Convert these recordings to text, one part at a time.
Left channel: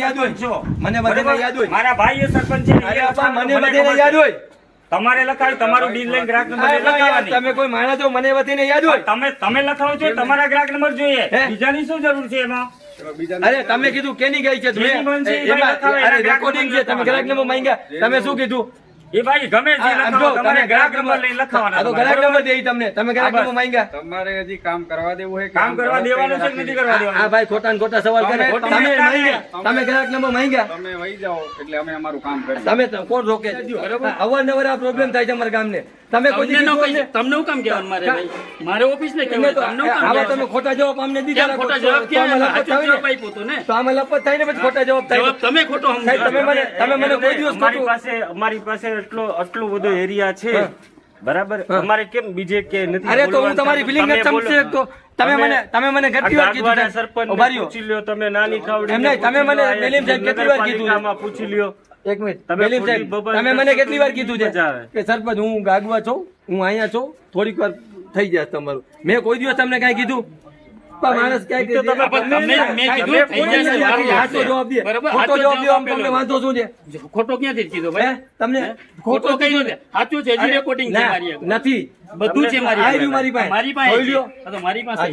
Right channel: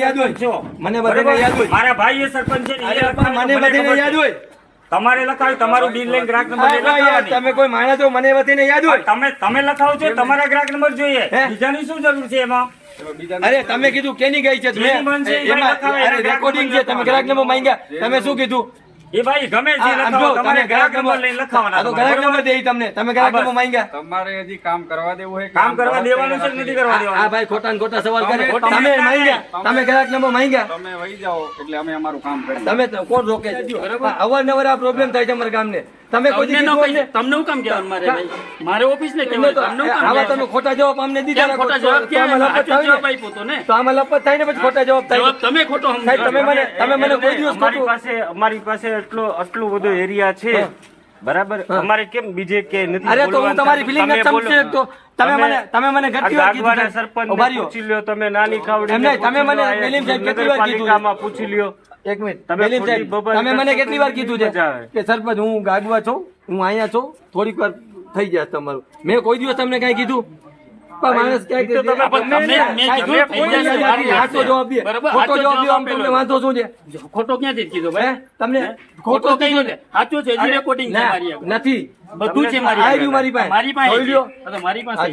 યાદ હોય મને બધાને યાદ હોય મારા ભાઈ એ સરપંચ છે મને બધાને યાદ હોય તમારે લખાવ તમારું ડીલ લઈને ગ્રાહક નંબર લખાવવાની તમે કોઈ માણસ છો મને બધાને યાદ હોય તમે લખાવો છો તમારા ગ્રાહક નંબર જોઈએ બીજાની શું જરૂર છે એમાં અરે તમે કીધું કેની ગઈ છે રેકોર્ડિંગ છે તમે ગ્રાહક નંબર માંગ્યા તમે શું કીધું એ ભાઈ ગમે તે લખાવો તમારે ગ્રાહક નંબર લઈને લખાવવાના તો ગ્રાહક નંબર દેઈ તમને તમે ગ્રાહક નંબર માંગ્યા તમારે હજી કામ કરવા દેવું હોય કામ કરવા દેવાનું છે નથી કરવા દેવાનું આ ભાઈ ખોટા ને ખોટા સવાલ કરે તમે માંગ્યા તમે ગ્રાહક નંબર માંગ્યા તમે વહી જાઓ એટલે અમે અમારું કામ કરીએ તમે કોણ રોકે અવારનવાર આ પ્રોબ્લેમ થાય છે અમારા ગામને તમે કોઈ તમને હું કામ કહેવાનું મારે ઓફિસ ને આવા તમે ખોટા જવાબ અમને દીધા ખોટા જવાબ તો આમાં લપત થાય ને પછી ખોટા જવાબ થાય તમે ખોટો તમે મને કોઈ દિવસ અમારી પાસે આટલું બધું એરિયા છે બરાબર અમારે કેમ બીજે કે નથી અરે તો હું તમારી ફિલિંગ જ સમજુ એક તો તમે મને કેટલી વાર કીધું સરપંચ ઉભારીઓ પૂછી લ્યો તમે નાની ખાવડી એમ નહીં તમે મને મેલીમ સાહેબ કેટલી વાર કીધું પૂછી લ્યો એક મિનિટ મેલીમ સાહેબ તમે મને કેટલી વાર કીધું છે કે સરપંચ હું ગાગવા છું હું અહીંયા છું થોડીક વાર થઈ જાય તમારું મેં કોઈ દિવસ તમને કઈ કીધું માણસ વાંધો શું છે ખોટો ક્યાંથી કીધો ભાઈ તમને ખોટો કઈ સાચું છે રેકોર્ડિંગ છે મારી નથી બધું છે મારી પાસે મારી પાસે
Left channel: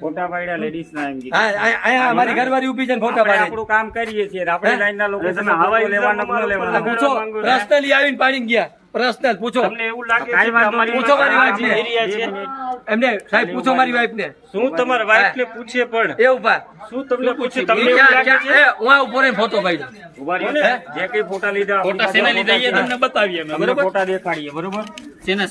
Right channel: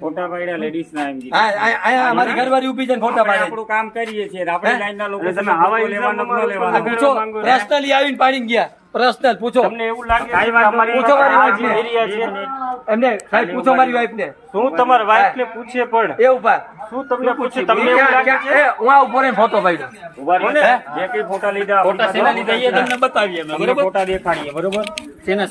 ફોટા પાડ્યા લેડીઝ ના એમ અહીંયા મારી ઘરવાળી ઉભી છે ફોટા પાડે આપણું કામ કરીએ છીએ આપણે લાઈન ના લોકો તમે હવા લેવાના ન લેવાના પૂછો પર્સનલી આવીને પાડીને ગયા પર્સનલ પૂછો તમને એવું લાગે કે અમારી પૂછો મારી વાઈફ એરિયા છે એમને સાહેબ પૂછો મારી વાઈફ ને શું તમારી વાઈફ ને પૂછે પણ એ ઉભા શું તમને પૂછે તમને એવું લાગે છે હું આ ઉપર ફોટો પાડ્યો ઉભા રહો ને જે કઈ ફોટા લીધા ફોટા સેના લીધા એ તમને બતાવીએ બરોબર ફોટા દેખાડીએ બરોબર સેના